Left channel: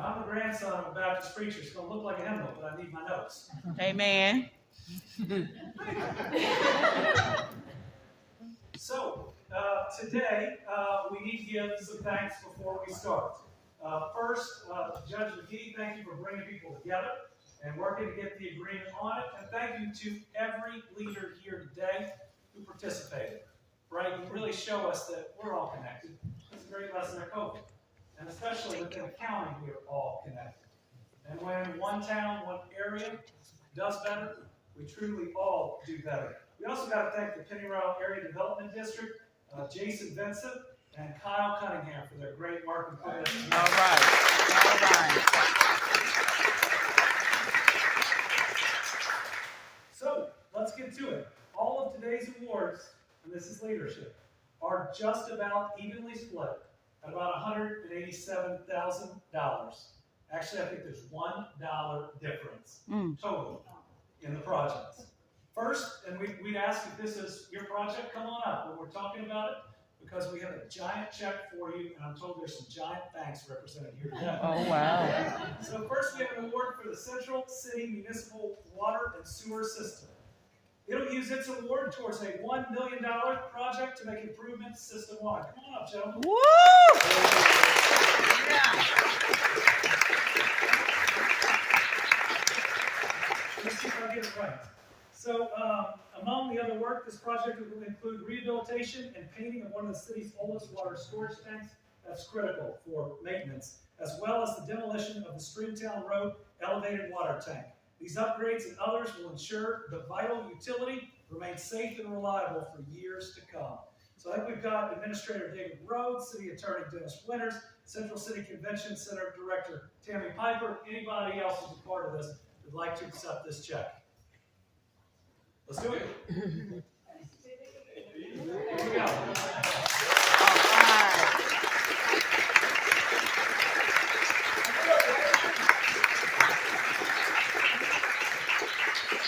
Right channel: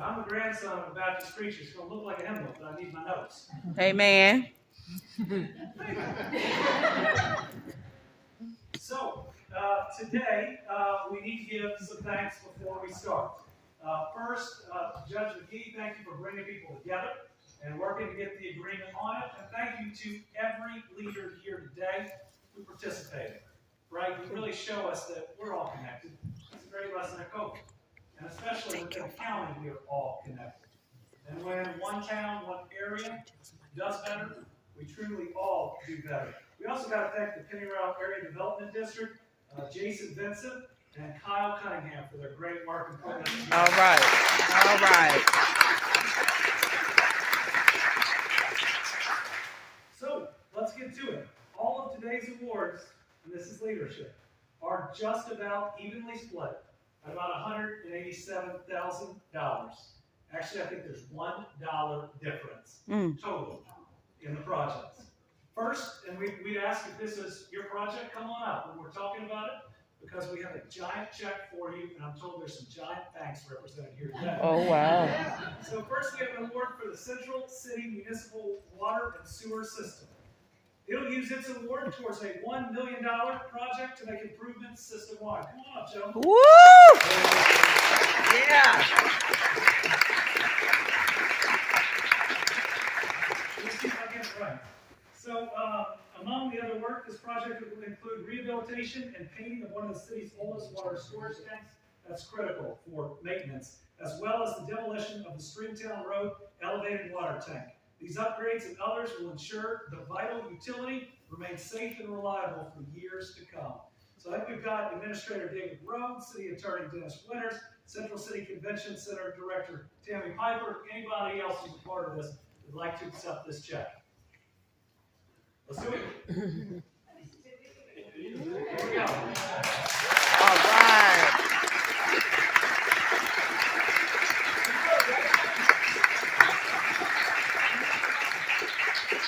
I'm the grandson of a Baptist preacher. It's going to look like a hymn book, but I need my notes. Amen. So, today, we need to give some thanks before we start. First, Judge McGee, thank you for bringing people together and working to get the agreement on it. And thank you to every leader here today who participated. Right? You really show us that we're all connected. It's a great lesson at COVID. And especially within the county, we are all connected. And when one town, one area does better, we truly all do better. We also got to thank the Pennyroyal Area Development District, Jason Vincent, and Kyle Cunningham for their great work in putting this together. All right. All right. So, let's get to it. All of today's awards, and this is leadership, are just about evenly split at about $187,000. Actually, I think there's $1 difference total in the projects. First, and we'd ask if this is your project, come on up when we're talking about it, because we have a giant check for you, and I'm told there's some giant thanks represented here today. Oh, wow. So first, we have an award for the Central City Municipal Water and Sewer System. It'll use its award towards a $1 million project to make improvements system-wide. Come on up, gentlemen. Woo! Yeah. Let's see if I get it right. So, among the other work, this project will include rehabilitation and painting of one of the city's oldest water storage tanks. That's critical for maintenance, as well as the demolition of the Stringtown Road elevated water tank. These upgrades and others will ensure the vital utility remains safe and reliable for years to come. So I think we've got Administrator David Rhodes, City Attorney Dennis Winters, Central City Convention Center Director Tammy Piper, anybody else who's a part of this would like to accept this check. Let's do it. Here we go. All right.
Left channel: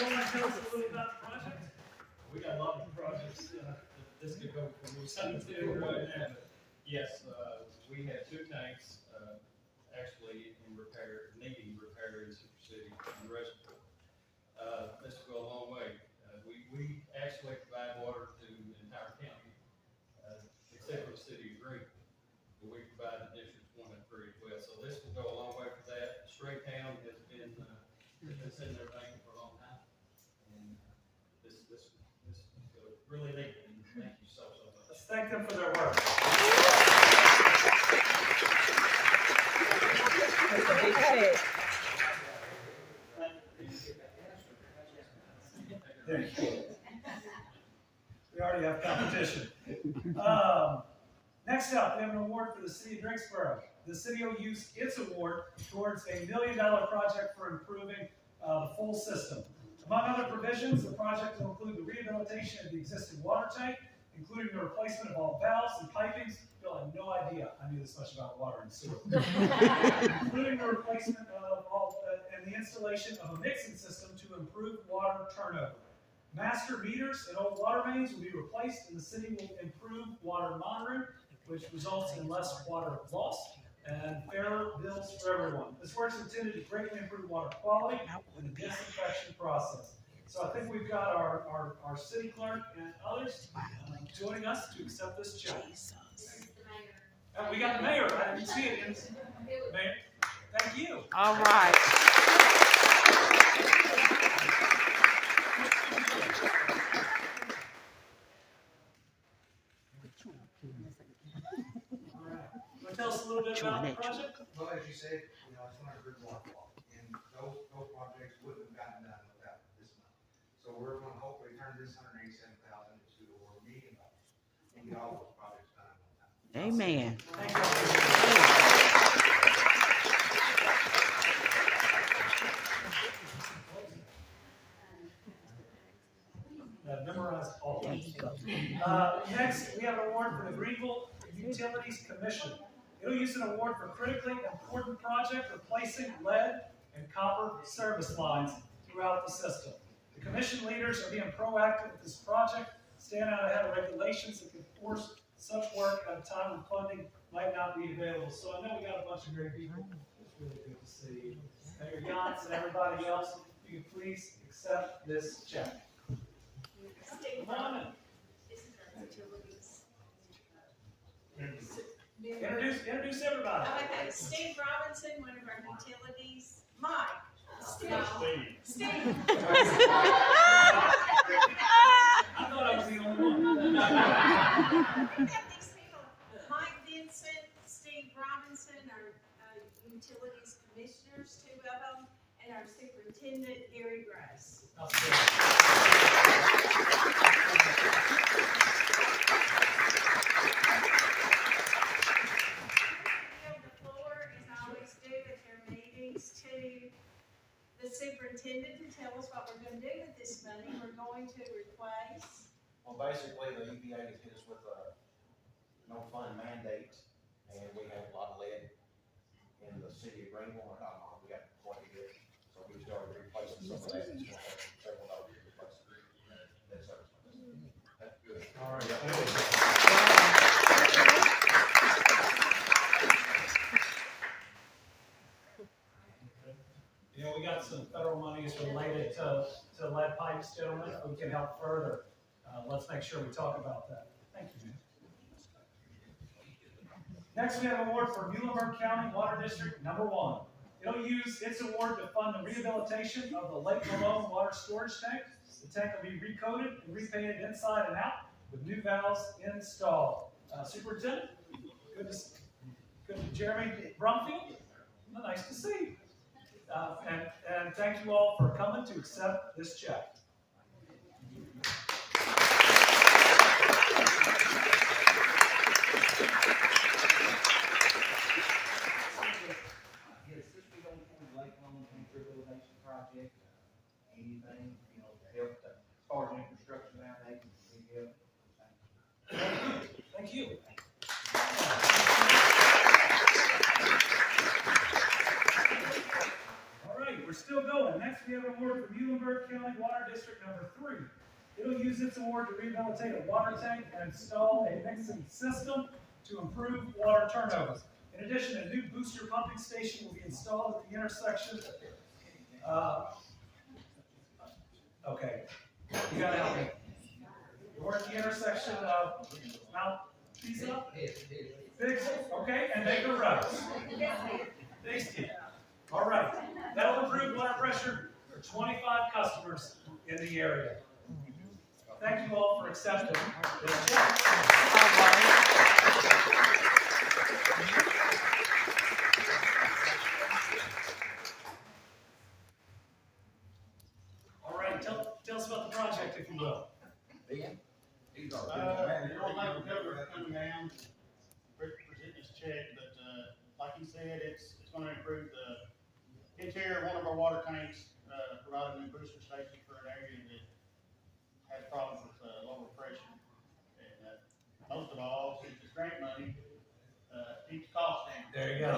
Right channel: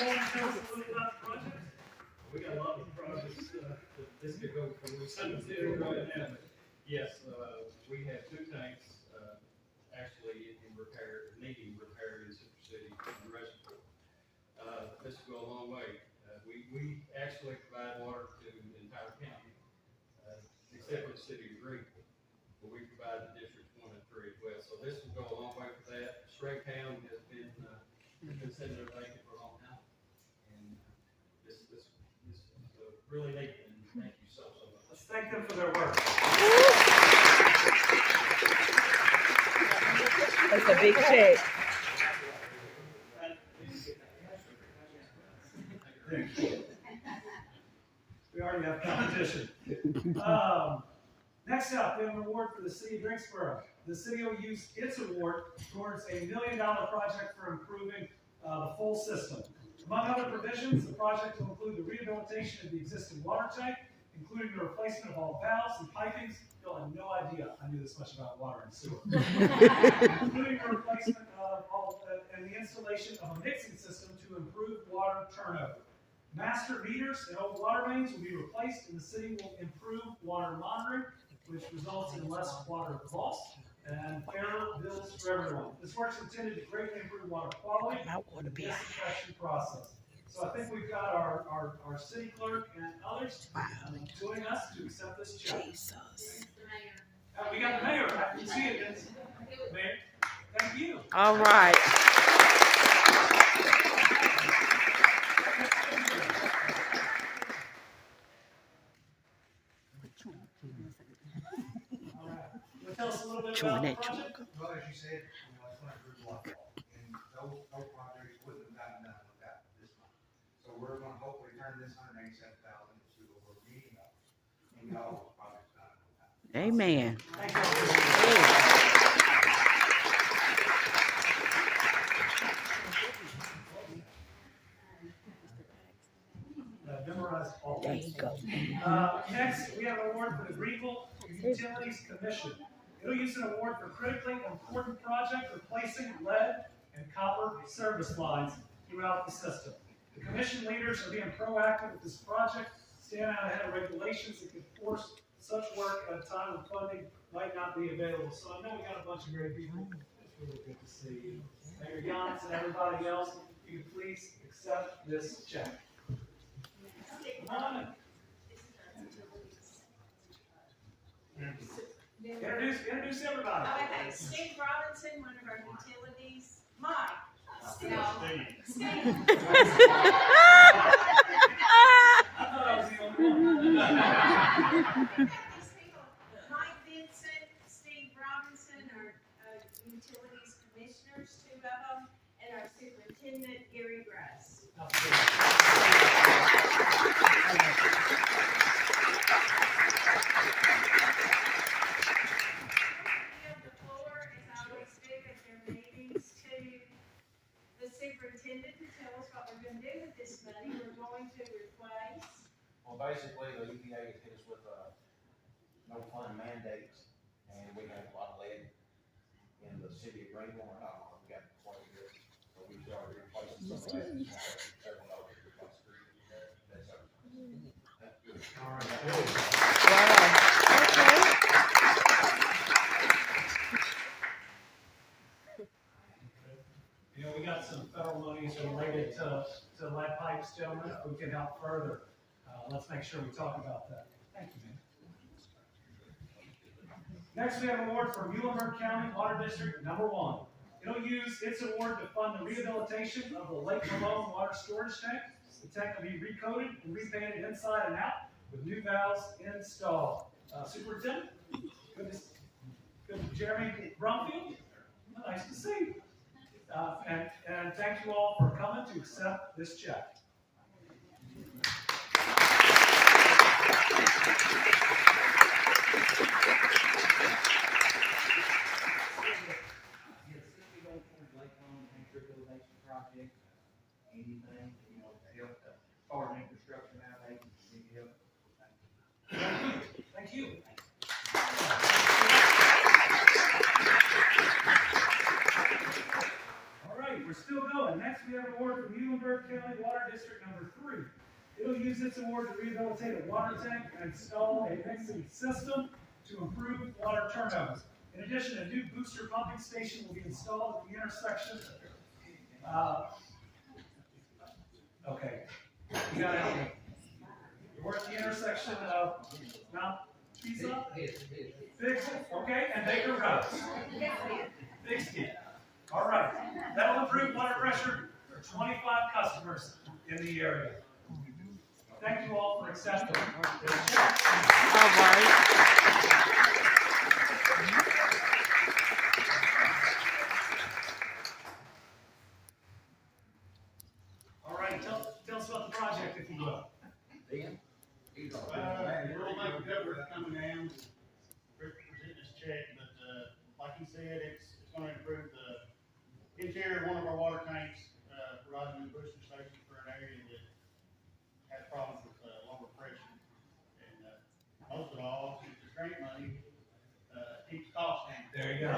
Tell us a little about the project. We got a lot of projects that this could go for. We're starting to do right now. Yes, we have two tanks actually in repair, needing repair in Super City and the reservoir. This will go a long way. We actually provide water to the entire county, except for the city of Greenville. But we provide the districts 1 and 3 as well. So this will go a long way for that. Stringtown has been sitting there vacant for a long time, and this is really neat. And thank you so much. Let's thank them for their work. That's a big check. We already have competition. Next up, we have an award for the City of Drinksboro. The city will use its award towards a $1 million project for improving the full system. Among other provisions, the project will include the rehabilitation of the existing water tank, including the replacement of all valves and pipings. You'll have no idea I knew this much about water and sewer. Including the replacement of all and the installation of a mixing system to improve water turnover. Master meters and old water mains will be replaced, and the city will improve water monitoring, which results in less water loss and fairer bills for everyone. This work is intended to greatly improve water quality and the disinfection process. So I think we've got our city clerk and others joining us to accept this check. We got the mayor. I didn't see it. Mayor, thank you. All right. Tell us a little bit about the project. Well, as you said, it's one of the water law, and those projects wouldn't have gotten done without this money. So we're going to hopefully turn this $187,000 into over $1 million and get all those projects done on time. Amen. Thank you. Memorized all. There you go. Next, we have an award for the Greenville Utilities Commission. It'll use an award for critically important project replacing lead and copper service lines throughout the system. The commission leaders are being proactive with this project, stand out ahead of regulations that could force such work at a time when funding might not be available. So I know we got a bunch of great people. It's really see Mayor Yance and everybody else, if you could please accept this check. Come on in. Introduce everybody. Okay, Steve Robinson, one of our utilities. Mike. Steve. Steve. I thought I was the only one. Mike Vincent, Steve Robinson, our utilities commissioners, two of them, and our superintendent, Gary Grass. Superintendent to tell us what we're going to do with this money. We're going to replace. Well, basically, the EPA has hit us with no fund mandates, and we have a lot of lead in the city of Greenville. Or not all, we got quite a bit, so we started replacing some of that. Several dollars to replace that service. That's good. All right. You know, we got some federal monies related to lead pipes, gentlemen. If we can help further, let's make sure we talk about that. Thank you, man. Next, we have an award for Muhlenberg County Water District number 1. It'll use its award to fund the rehabilitation of the Lake Malone water storage tank. The tank will be recoated and repainted inside and out with new valves installed. Superintendent, good to Jeremy Brumfield. Well, nice to see you. And thank you all for coming to accept this check. Since we don't fund Lake Malone tank rehabilitation project, anything, you know, to help the part of infrastructure nowadays, big help. Thank you. All right, we're still going. Next, we have an award for Muhlenberg County Water District number 3. It'll use its award to rehabilitate a water tank and install a mixing system to improve water turnover. In addition, a new booster pumping station will be installed at the intersection. Okay, you gotta help me. We're at the intersection of Mount Pisa, Big, okay, and Baker Road. Big Ski. All right, that'll improve water pressure for 25 customers in the area. Thank you all for accepting this check. All right. All right, tell us about the project, if you will. These are. Muhlenberg County coming down, presenting this check, but, like he said, it's gonna improve the interior of one of our water tanks, provide a new booster station for an area that has problems with, lower pressure. And, most of all, since it's grant money, keeps costs down. There you go.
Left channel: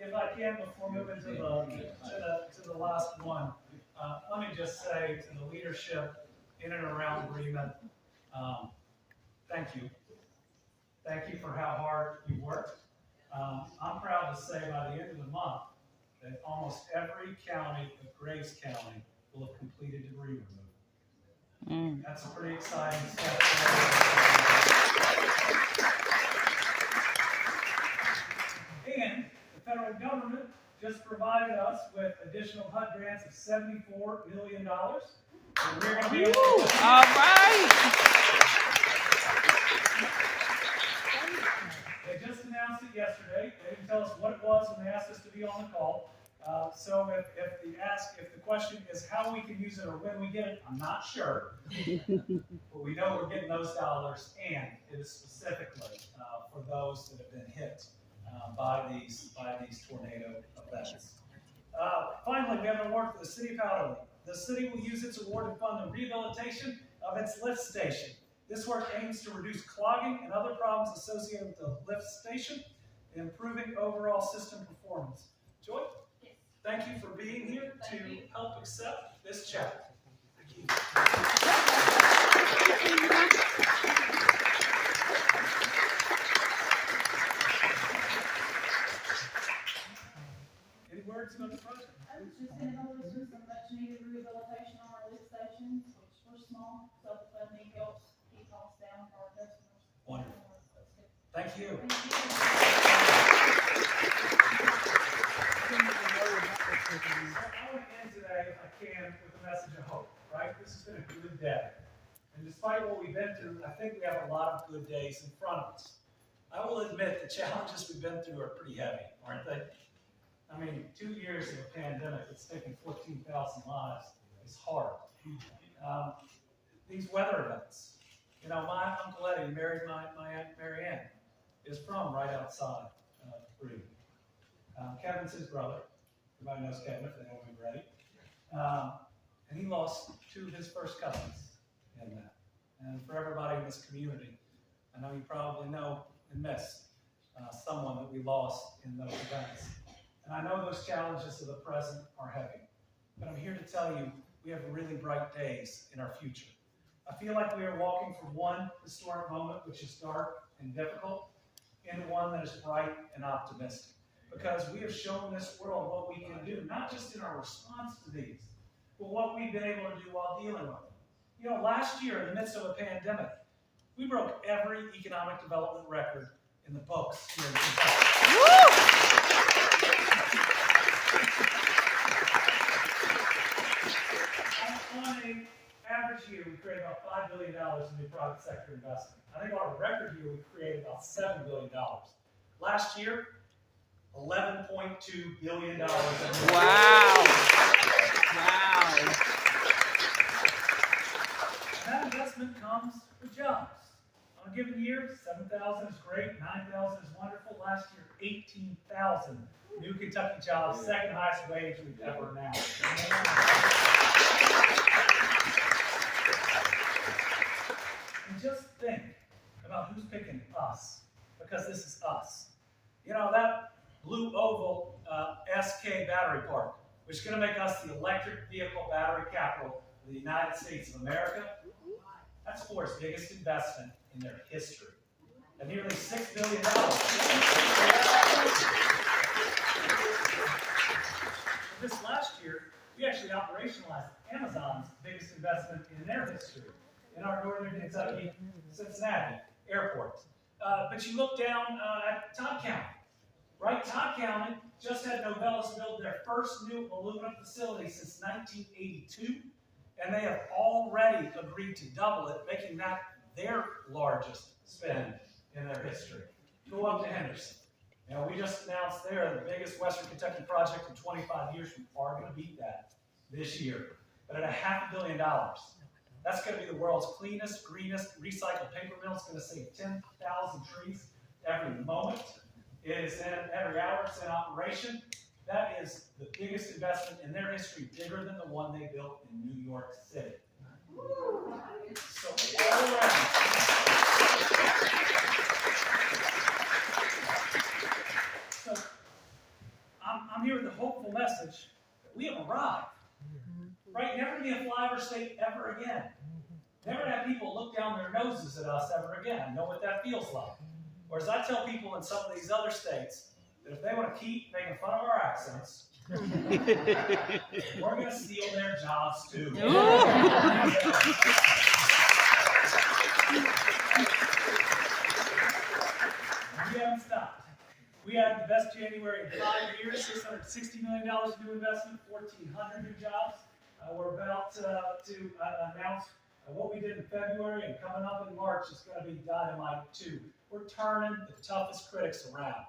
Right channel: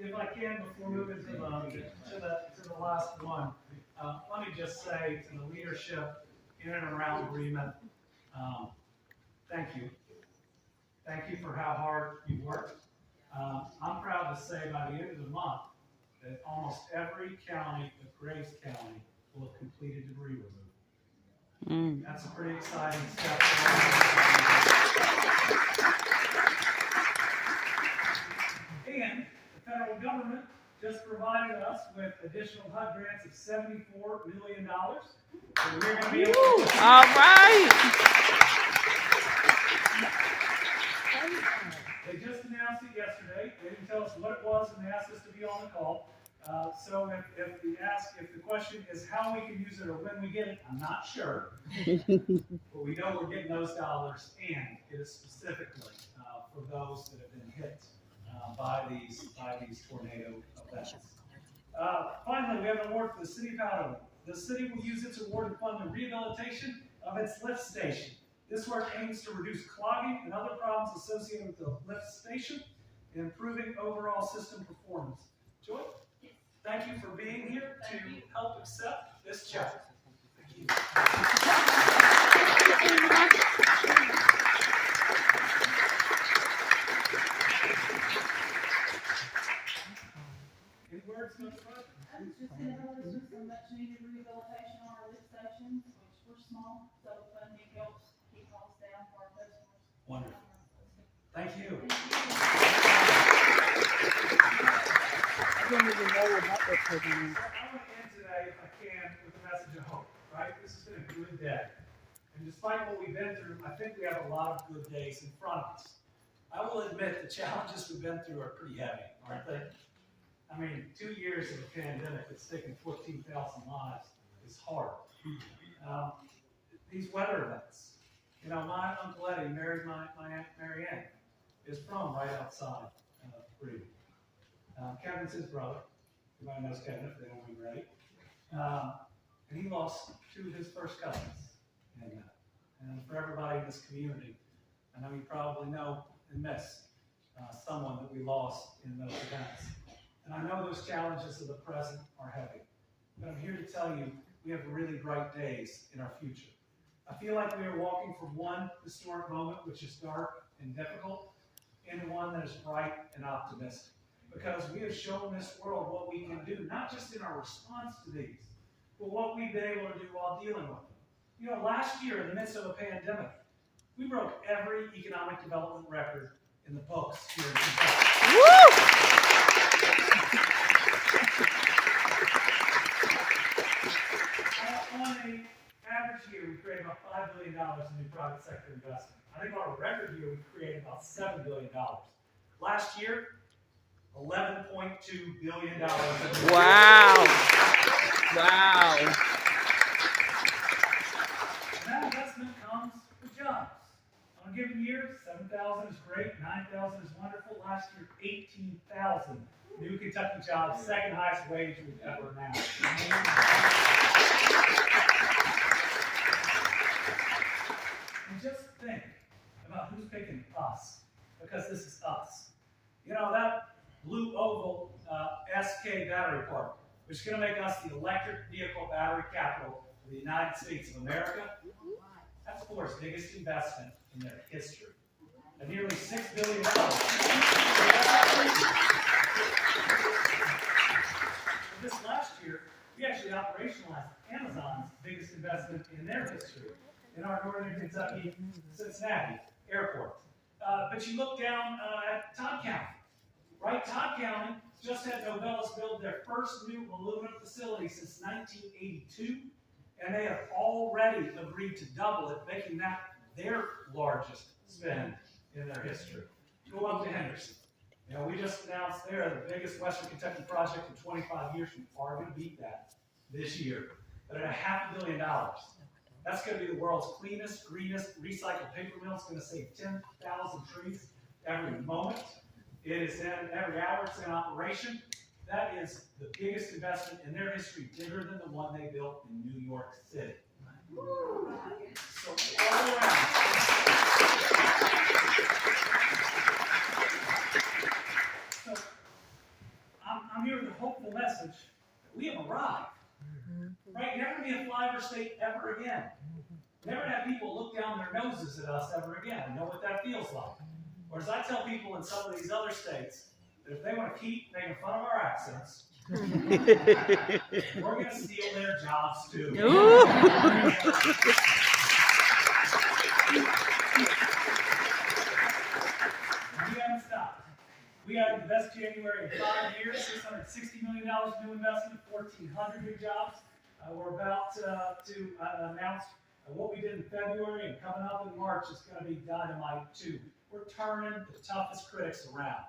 If I can, before moving to the last one, let me just say to the leadership in and around Bremen, thank you. Thank you for how hard you worked. I'm proud to say by the end of the month that almost every county but Graves County will have completed debris removal. That's a pretty exciting step. And the federal government just provided us with additional HUD grants of $74 million. And we're going to be able to. All right. They just announced it yesterday. They didn't tell us what it was when they asked us to be on the call. So if the question is how we can use it or when we get it, I'm not sure. But we know we're getting those dollars, and it is specifically for those that have been hit by these tornado events. Finally, we have an award for the city of Powderly. The city will use its award to fund the rehabilitation of its lift station. This work aims to reduce clogging and other problems associated with the lift station, and improving overall system performance. Joy, thank you for being here to help accept this check. Thank you. Thank you. I didn't even know about that program. So I want to end today, if I can, with a message of hope, right? This has been a good day. And despite what we've been through, I think we have a lot of good days in front of us. I will admit the challenges we've been through are pretty heavy, aren't they? I mean, 2 years of a pandemic that's taken 14,000 lives is hard. These weather events. You know, my Uncle Eddie married my Aunt Mary Ann, is from right outside Greenville. Kevin's his brother. Everybody knows Kevin if they don't remember Eddie. And he lost 2 of his first cousins in that. And for everybody in this community, I know you probably know and miss someone that we lost in those events. And I know those challenges of the present are heavy, but I'm here to tell you we have really bright days in our future. I feel like we are walking from one historic moment, which is dark and difficult, into one that is bright and optimistic. Because we have shown this world what we can do, not just in our response to these, but what we've been able to do while dealing with them. You know, last year, in the midst of a pandemic, we broke every economic development record in the books here in Kentucky. On an average year, we created about $5 billion in new private sector investment. I think on a record year, we created about $7 billion. Last year, $11.2 billion. Wow. Wow. And that investment comes with jobs. On a given year, 7,000 is great, 9,000 is wonderful. Last year, 18,000 new Kentucky jobs, second highest wage we've ever announced. And just think about who's picking us, because this is us. You know, that blue oval SK battery park, which is going to make us the electric vehicle battery capital of the United States of America, that's Ford's biggest investment in their history, at nearly $6 billion. This last year, we actually operationalized Amazon's biggest investment in their history in our northern Kentucky, Cincinnati airport. But you look down at Todd County, right? Todd County just had Novelis build their first new aluminum facility since 1982, and they have already agreed to double it, making that their largest spend in their history. Go up to Henderson. You know, we just announced they're the biggest Western Kentucky project in 25 years. We are going to beat that this year. But at $500 million, that's going to be the world's cleanest, greenest recycled paper mill. It's going to save 10,000 trees every moment. It is in every hour it's in operation. That is the biggest investment in their history, bigger than the one they built in New York City. So all around. So I'm here with a hopeful message that we have arrived. Right? Never be a flyover state ever again. Never have people look down their noses at us ever again. I know what that feels like. Or as I tell people in some of these other states, that if they want to keep making fun of our accents, we're going to steal their jobs too. We haven't stopped. We had the best January in 5 years, $660 million new investment, 1,400 new jobs. We're about to announce what we did in February, and coming up in March is going to be dynamite too. We're turning the toughest critics around.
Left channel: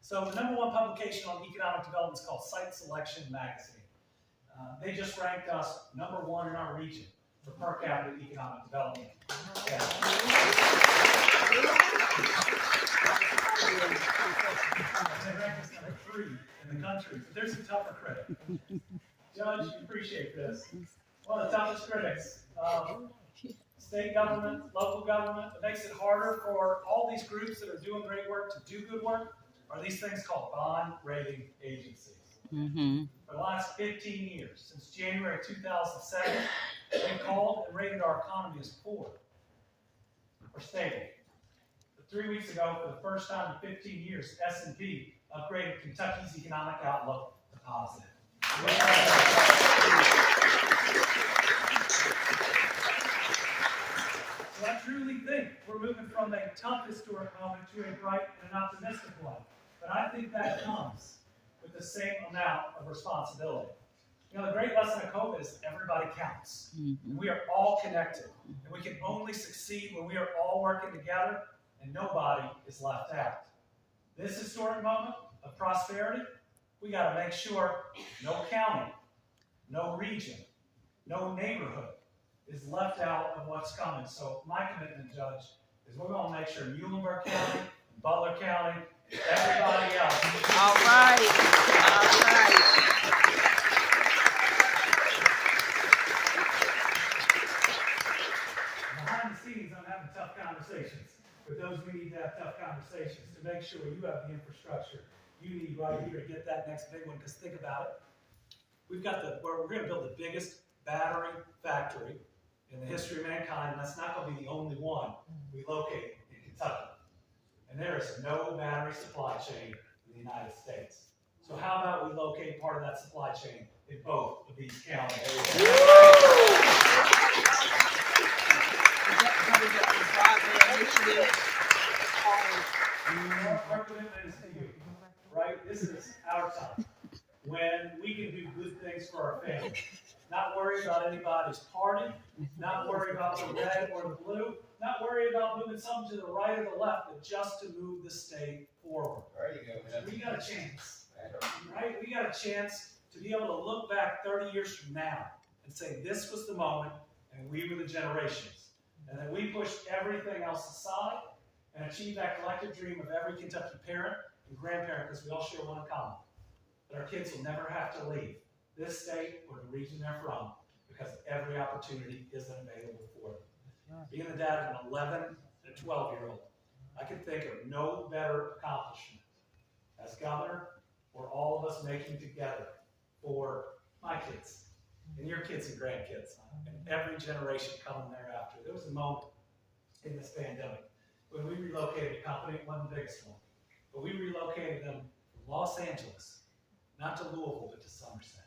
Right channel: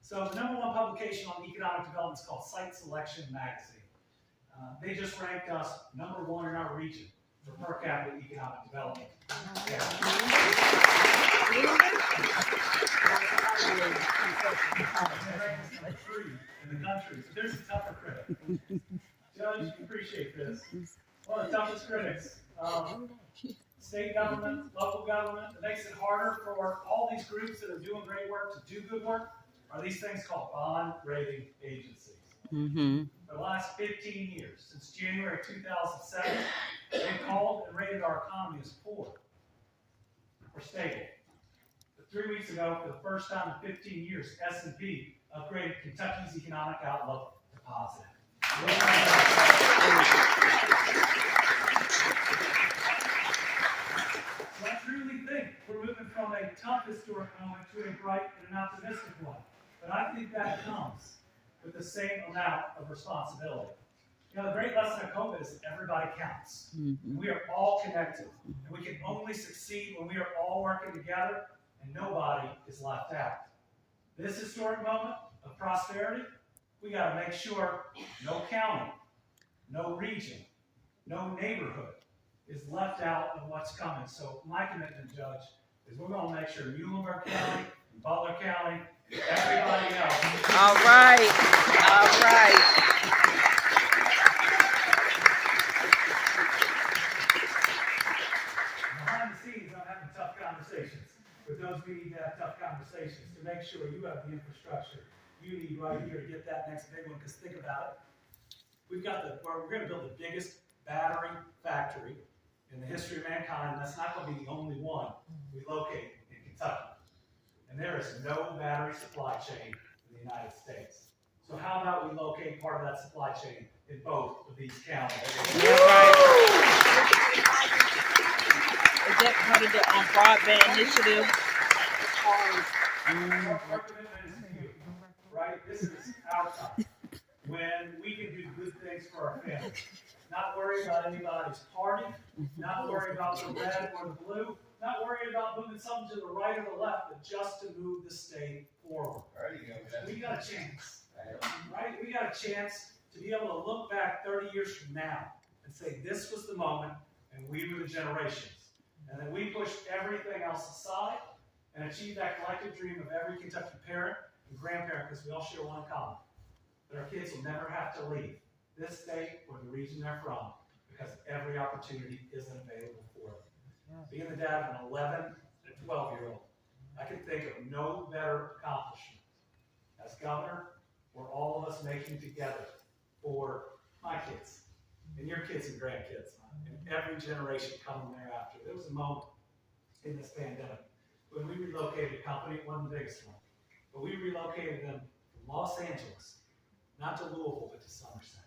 So the #1 publication on economic development is called Site Selection Magazine. They just ranked us #1 in our region for per capita economic development. Yeah. They ranked us #3 in the country. So there's a tougher critic. Judge, you appreciate this. One of the toughest critics. State government, local government, it makes it harder for all these groups that are doing great work to do good work, are these things called bond rating agencies. For the last 15 years, since January 2007, they've called and rated our economy as poor or stable. But 3 weeks ago, for the first time in 15 years, S&P upgraded Kentucky's economic outlook to positive. So I truly think we're moving from from a tough historic moment to a bright and an optimistic one. But I think that comes with the same amount of responsibility. You know, the great lesson of COVID is that everybody counts. And we are all connected. And we can only succeed when we are all working together and nobody is left out. This historic moment of prosperity, we got to make sure no county, no region, no neighborhood is left out of what's coming. So my commitment, Judge, is we're going to make sure Muhlenberg County, Butler County, everybody else. All right. All right. Behind the scenes, I'm having tough conversations with those we need to have tough conversations to make sure you have the infrastructure you need right here to get that next big one. Because think about it, we're going to build the biggest battery factory in the history of mankind, and that's not going to be the only one we locate in Kentucky. And there is no battery supply chain in the United States. So how about we locate part of that supply chain in both of these counties? Is that part of the broadband initiative? Our commitment is to you, right? This is our time when we can do good things for our families. Not worry about anybody's party, not worry about the red or the blue, not worry about moving something to the right or the left, but just to move the state forward. There you go. We got a chance, right? We got a chance to be able to look back 30 years from now and say this was the moment and we were the generations. And then we pushed everything else aside and achieved that collective dream of every Kentucky parent and grandparent, because we all share one in common, that our kids will never have to leave this state or the region they're from, because every opportunity isn't available for them. Being the dad of an 11 and a 12-year-old, I can think of no better accomplishment as governor or all of us making together for my kids and your kids and grandkids and every generation coming thereafter. There was a moment in this pandemic when we relocated a company. It wasn't the biggest one, but we relocated them from Los Angeles, not to Louisville, but to Somerset.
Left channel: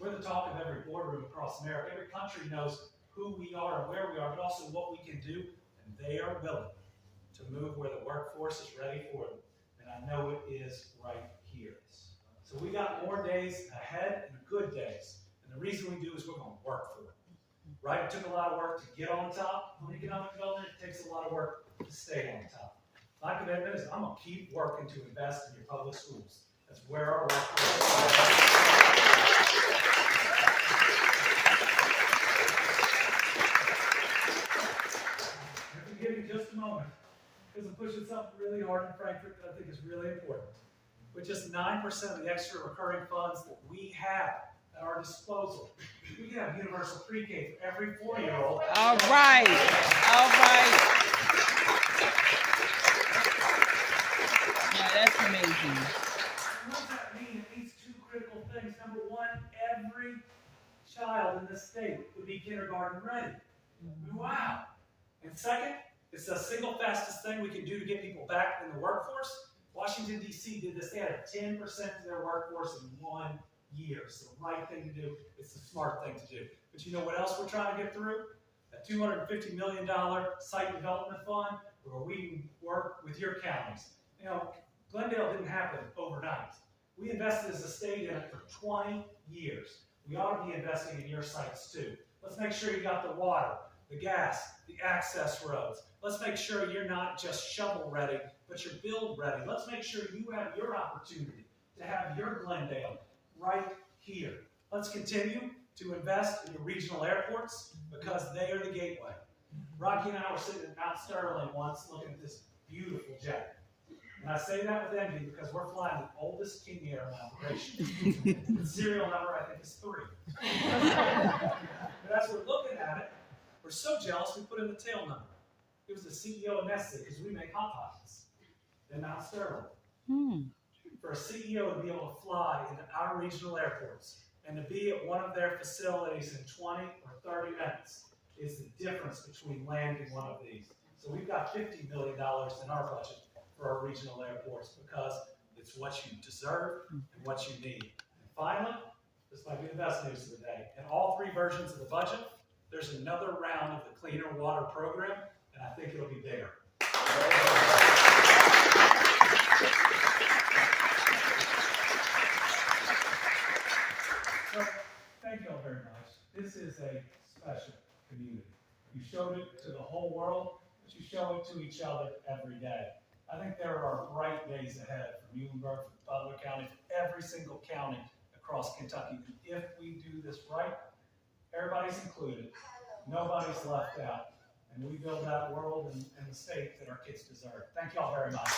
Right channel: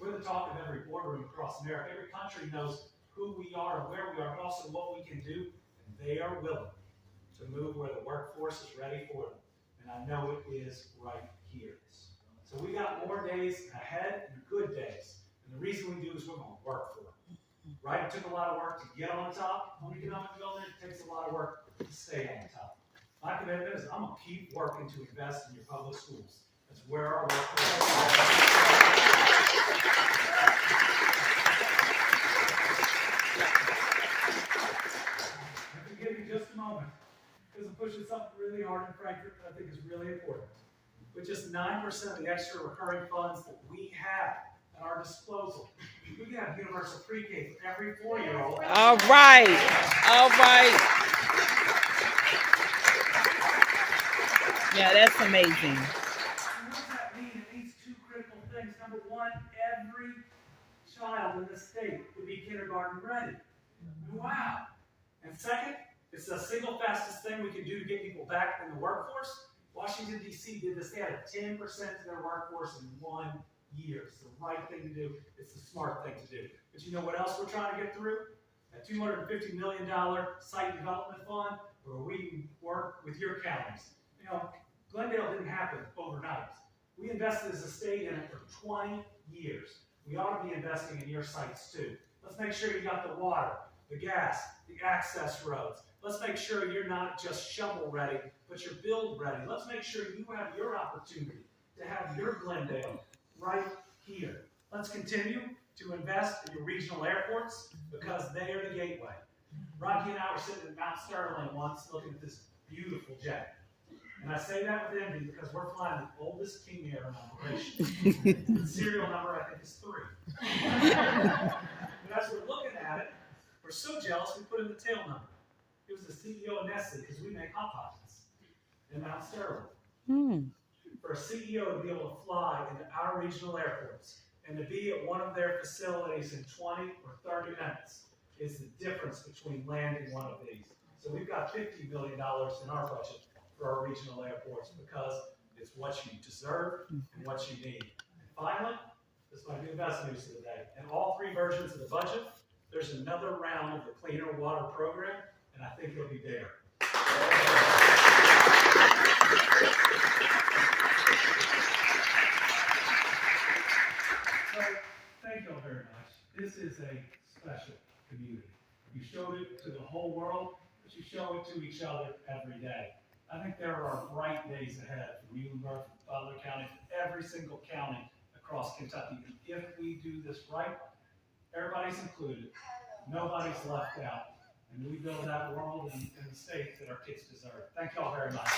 We're the talk of every boardroom across America. Every country knows who we are and where we are, but also what we can do, and they are willing to move where the workforce is ready for them. And I know it is right here. So we got more days ahead and good days. And the reason we do is we're going to work for it. Right? It took a lot of work to get on top on economic development. It takes a lot of work to stay on top. My commitment is I'm going to keep working to invest in your public schools. That's where our workforce is. If you give me just a moment, because I'm pushing something really hard in Frankfurt that I think is really important. With just 9% of the extra recurring funds that we have at our disposal, we can have universal pre-K for every 4-year-old. All right. All right. Yeah, that's amazing. What does that mean? It means two critical things. Number one, every child in this state would be kindergarten ready. Wow. And second, it's the single fastest thing we can do to get people back in the workforce. Washington, D.C. did this. They added 10% to their workforce in 1 year. It's the right thing to do. It's the smart thing to do. But you know what else we're trying to get through? That $250 million site development fund where we can work with your counties. You know, Glendale didn't happen overnight. We invested as a state in it for 20 years. We ought to be investing in your sites too. Let's make sure you got the water, the gas, the access roads. Let's make sure you're not just shovel ready, but you're build ready. Let's make sure you have your opportunity to have your Glendale right here. Let's continue to invest in your regional airports because they are the gateway. Rocky and I were sitting at Mount Sterling once looking at this beautiful jet. And I say that with envy because we're flying the oldest King Air in operation. The serial number, I think, is 3. But as we're looking at it, we're so jealous we put in the tail number. It was the CEO of Nestle because we make Hot Pockets in Mount Sterling. For a CEO to be able to fly into our regional airports and to be at one of their facilities in 20 or 30 minutes is the difference between landing one of these. So we've got $50 million in our budget for our regional airports because it's what you deserve and what you need. And finally, this might be the best news of the day. In all 3 versions of the budget, there's another round of the Cleaner Water Program, and and I think it'll be bigger. So, thank you all very much. This is a special community. You showed it to the whole world, but you show it to each other every day. I think there are bright days ahead for Muhlenberg, for Butler County, for every single county across Kentucky. And if we do this right, everybody's included, nobody's left out, and we build that world and the state that our kids deserve. Thank you all very much.